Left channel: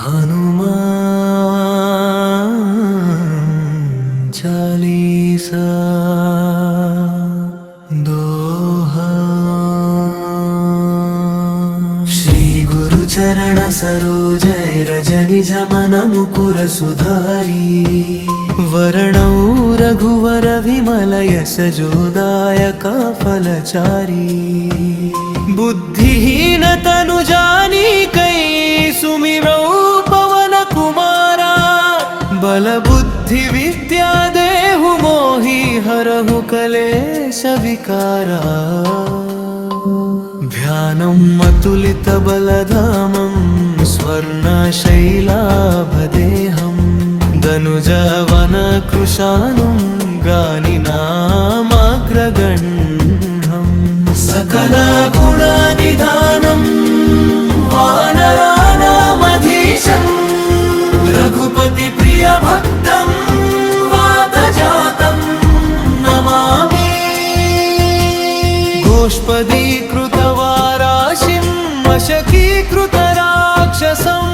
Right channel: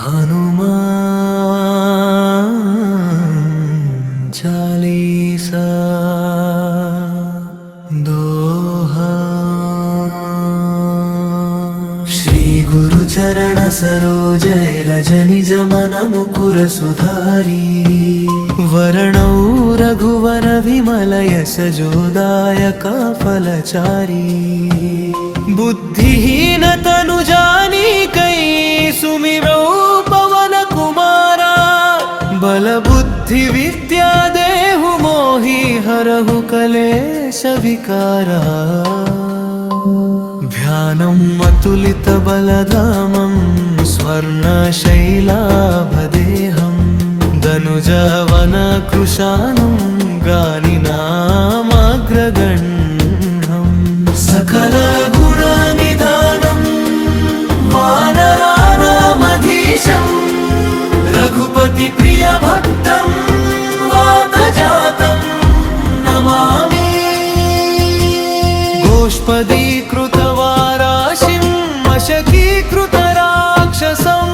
हनुमान चालीसा दोहा। श्री गुरु चरण सरोज रज निज मन मुकुर सुधारी। वरणौ रघुवर विमल यश जोदायका फलचारी। बुद्धिहीन तनु जानिकै सुमिरौ पवन कुमारा। बल बुद्धि विद्या देहु मोहि हरहु कलेश विकारा। ध्यानम् अतुलित बलधामं स्वर्णशैलाभदेहं। धनुजवन कृशानुं गानिनामग्रगण्यं। सकल गुणनिधानं वानराणामधीशं। रघुपति प्रिय भक्तं वातजातं नमामि। गोष्पदीकृतवाराशिं मशकीकृतराक्षसं।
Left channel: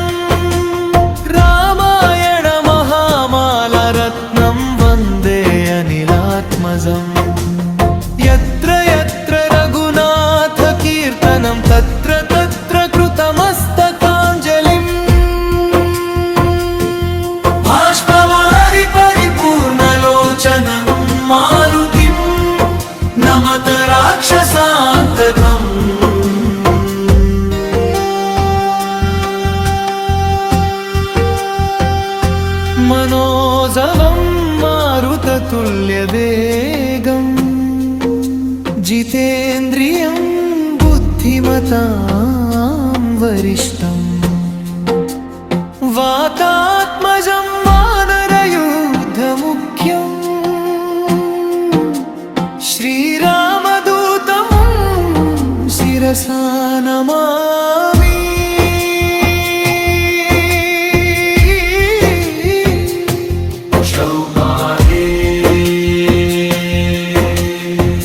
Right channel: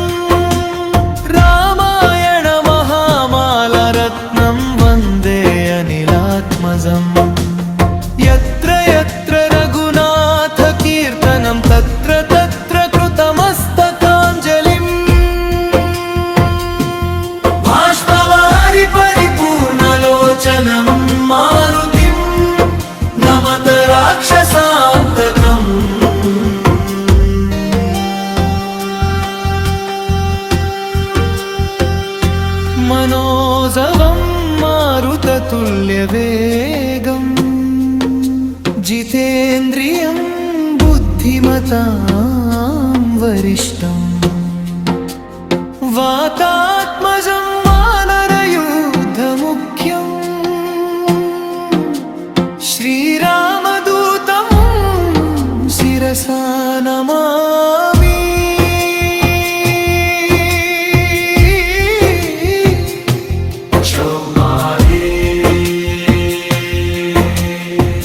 रामायण महामालरत्नं वन्दे अनिलात्मजम्। यत्र यत्र रघुनाथ कीर्तनं तत्र तत्र कृतमस्तकाञ्जलिम्। बाष्पवारि परिपूर्णलोचनं मारुतिं नमत राक्षसान्तकम्। मनोजवं मारुततुल्यवेगम्। जितेन्द्रियं बुद्धिमतां वरिष्ठं। वातात्मजं वानरयूथमुख्यं। श्रीरामदूतं शिरसा नमामि।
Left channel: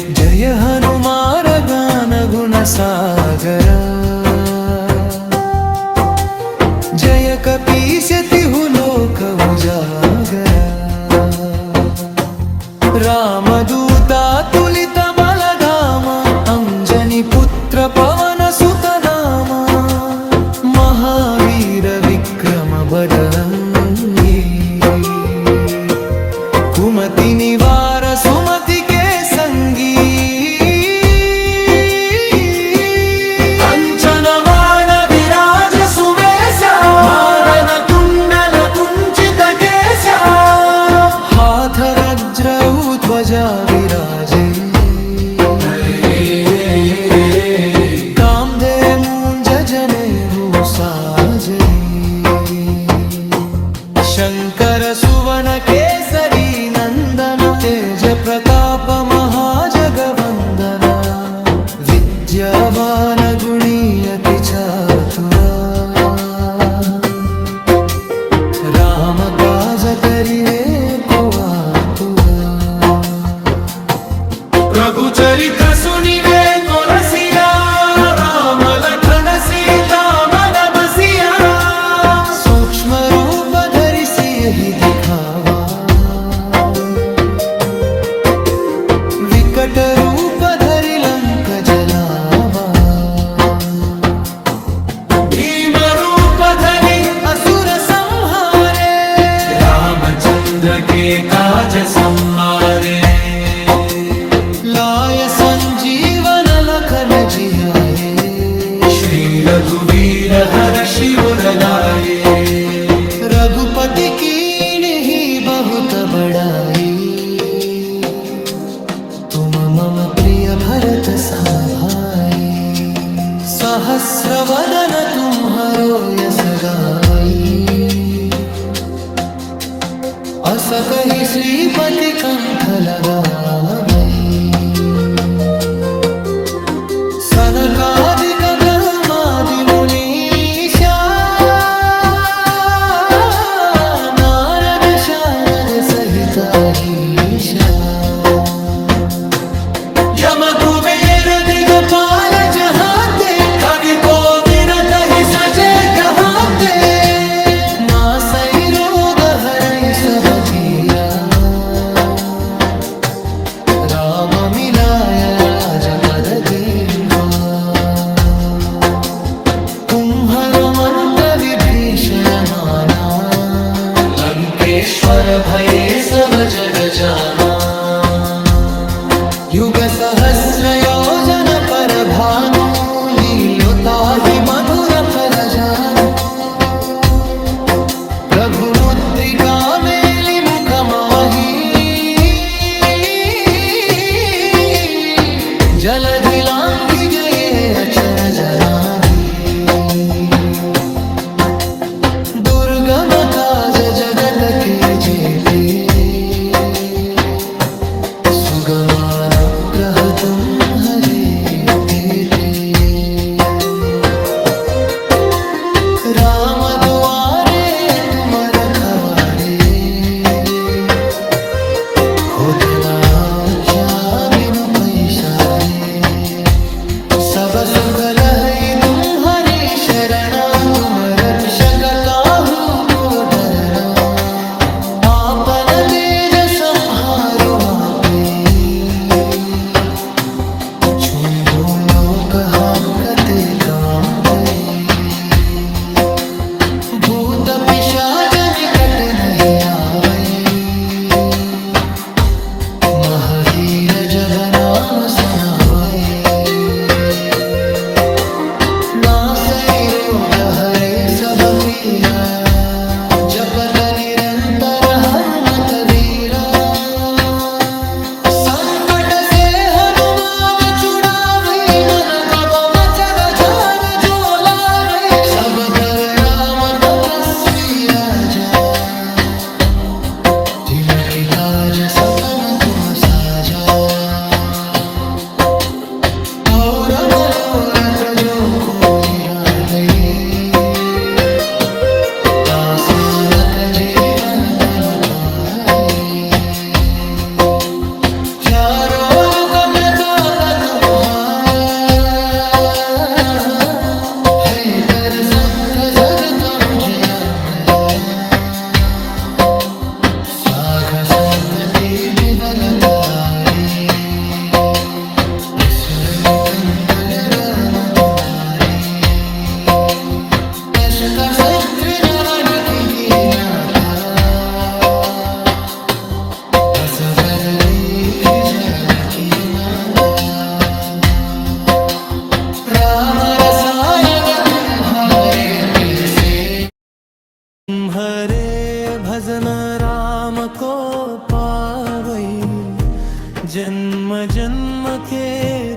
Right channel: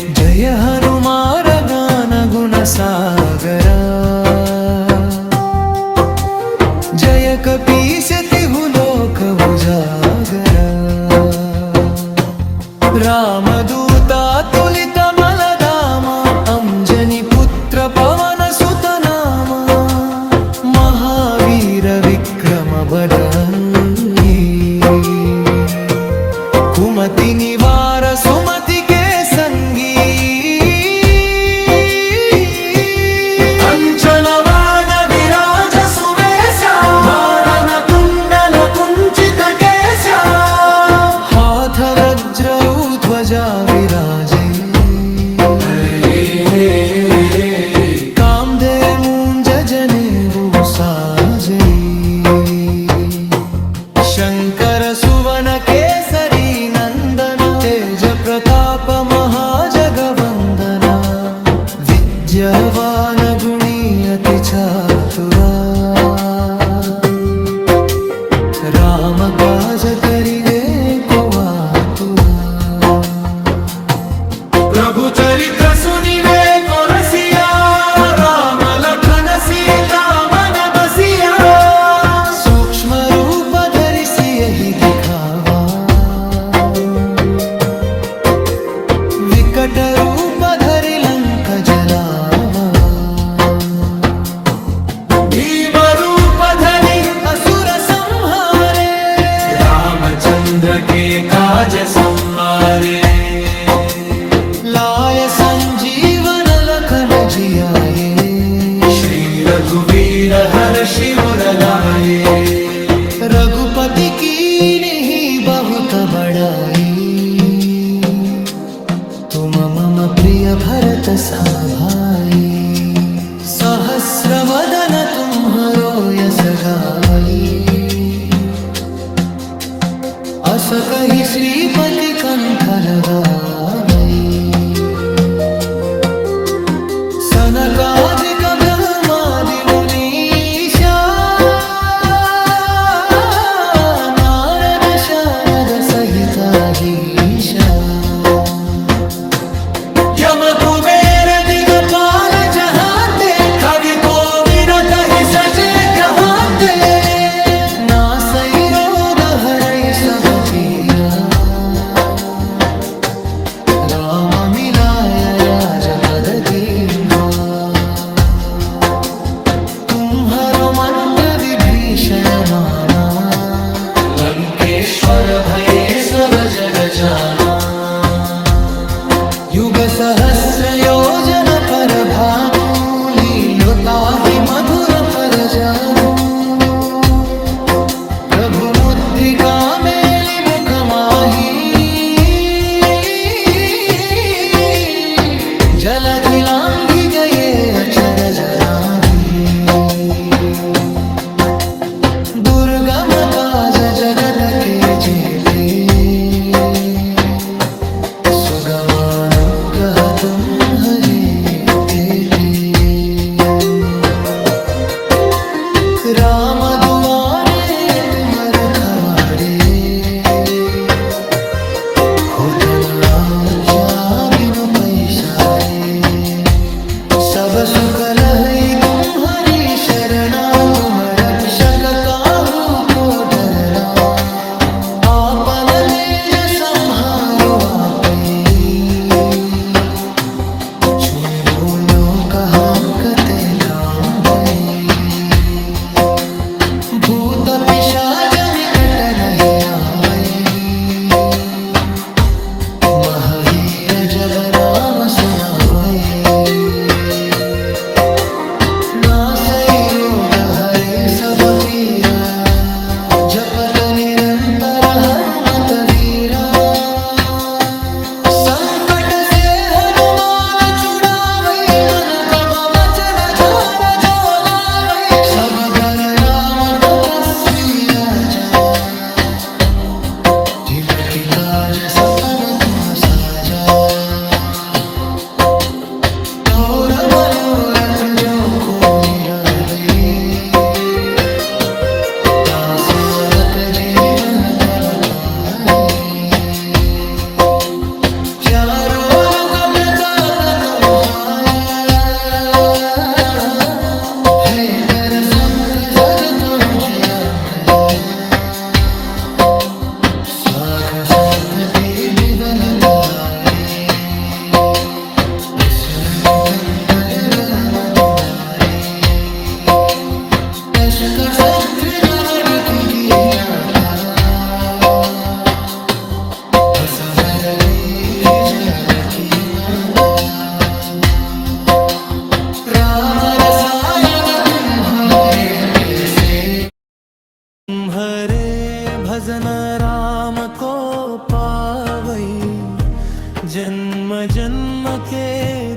जय हनुमान ज्ञान गुण सागरा। जय कपीश तिहु लोक उजागरा। रामदूता तुलित बलधामा। अंजनी पुत्र पवन सुत नामा। महावीर विक्रम बड़ई। कुमति निवार सुमति के संगी। कंचन वान विराज सुवेशा। वानन कुंडल कुंचित केशा। हाथ वज्र ध्वजा विराजै। कामधेनु मूंज जनेऊ साजै। शंकर सुवन केसरी नंदन। तेज प्रताप महाजगवंदना। विद्यावान गुणी अति चातुरा। राम काज करिवे को आतुरा। प्रभु चरित्र सुनिवे को रसिया। राम लखन सीता मन बसिया। सूक्ष्म रूप धरिसि यही दिखावा। विकट रूप धरि लंक जलावा। भीम रूप धरि असुर संहारे। रामचंद्र के काज संवारे। लाय संजीवन लखन जियाए। श्री रघुवीर हर्षि उर लाए। रघुपति कीन्ही बहुत बड़ाई। तुम मम प्रिय भरत सम भाई। सहस्र वदन तुम्हरो यस गावई। अस कहि श्रीपति कंठ लगावई। सनकादिक ब्रह्मादि मुनीषा। नारद शारद सहित अहीशा। यम कुबेर दिगपाल जहाते। कवि को विरत ही सजे गहाते। नासै रोग हरै सब पीरा राम मिलाय राजपद दीन्हा कुम्हरो मंत्र विभीषण माना लंकेश्वर भये सब जग जाना युग सहस्र योजन पर भानु लीलोताहि मधुर फल जानु प्रभु मुद्रिका मेलि मुख माही जलधि लांघि गए अचरज नाभी दुर्गम काज जगत के जेते सुगमानुग्रह तुम्हरे देते राम दुआरे तुम रखवारे होतना उच्चा बिनु पैसारे सब सुख लहै तुम्हारी शरणा तुम रक्षक काहू को डरना आपन तेज संहारो आपै छुबो लोक हम कते काम पै भूत पिशाच निकट नहीं आवै महावीर जब नाम सुनावै नासै रोग हरै सब पीरा जपत निरंतर हनुमत वीरा संकट से हनुमान छुड़ावै मन कब बचन झार झोलावै सब पर राम तपस्वी राजा जिमकि काज सपन तुम साजा और मनोरथ जो को निरावै दासोलत जीवन तल पाए चारों युग प्रताप तुम्हारा है पर संत जगत उजयमरा साघ संतति बलतारे असुर निकंदर राम तुम्हारे अस्त्र शस्त्र नवनि कीनाका बसवरली जल की माता राम रसायन तुम्हारे कैसे तुम्हारे भजन राम को पावै जन्म जन्म के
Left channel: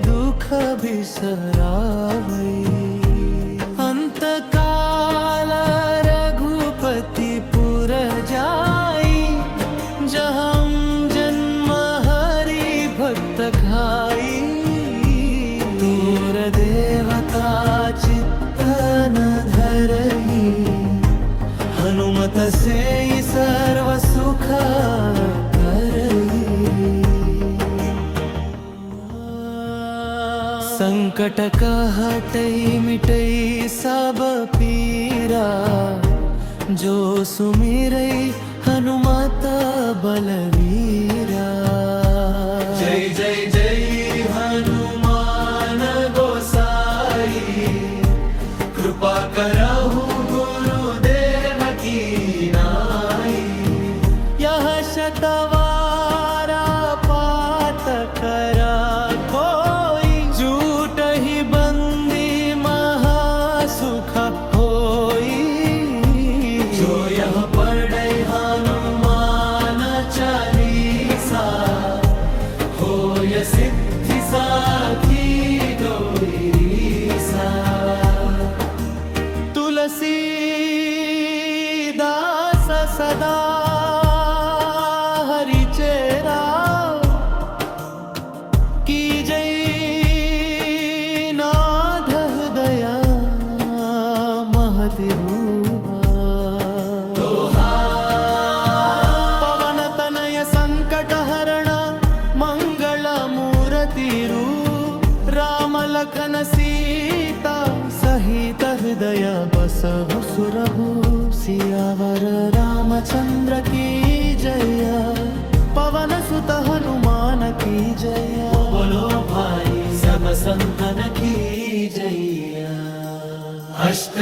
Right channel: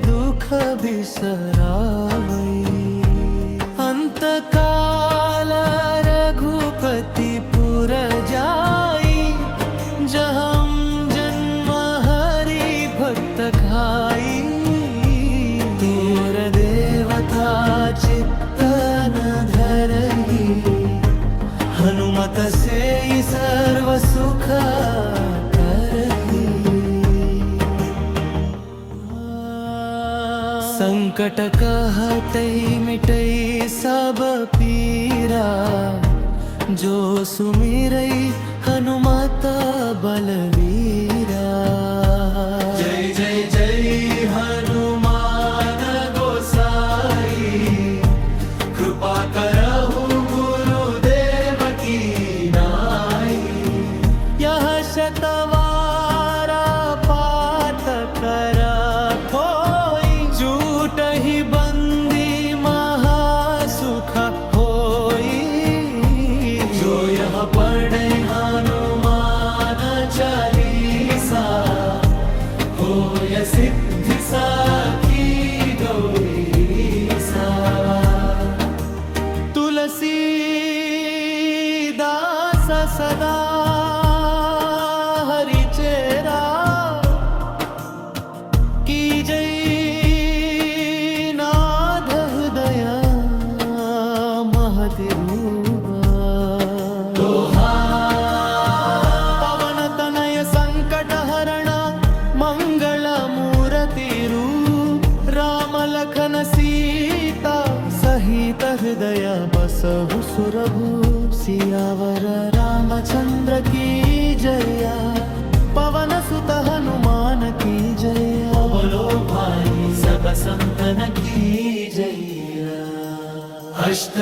दुख बिसरावै अंत काल रघुपति पुर जाई जहाँ जन्म हरि भक्त खाई तोर देवता चित्त न धरई हनुमत से ही सर्व सुख करई संकट कहटई मिटई सब पीरा जो सुमिरई हनुमत बलवीरा जय जय जय हनुमान गोसाई कृपा करहु शतवारा पात कर कोई झूठ ही बंदी महासुख होई जो यह पढ़े हनुमान चालीसा होय सिद्धि साखी गौरीसा तुलसीदास सदा चेरा की जय नाथ हृदय महति रूपा पवन तनय संकट हरण मंगल मूर्ति रूप राम लखन सीता सह सहित हृदय बसहु सुरभु सियावर रामचंद्र की जय पवन सुत हनुमान की जय बोलो भाई सब संतन की जय। अष्ट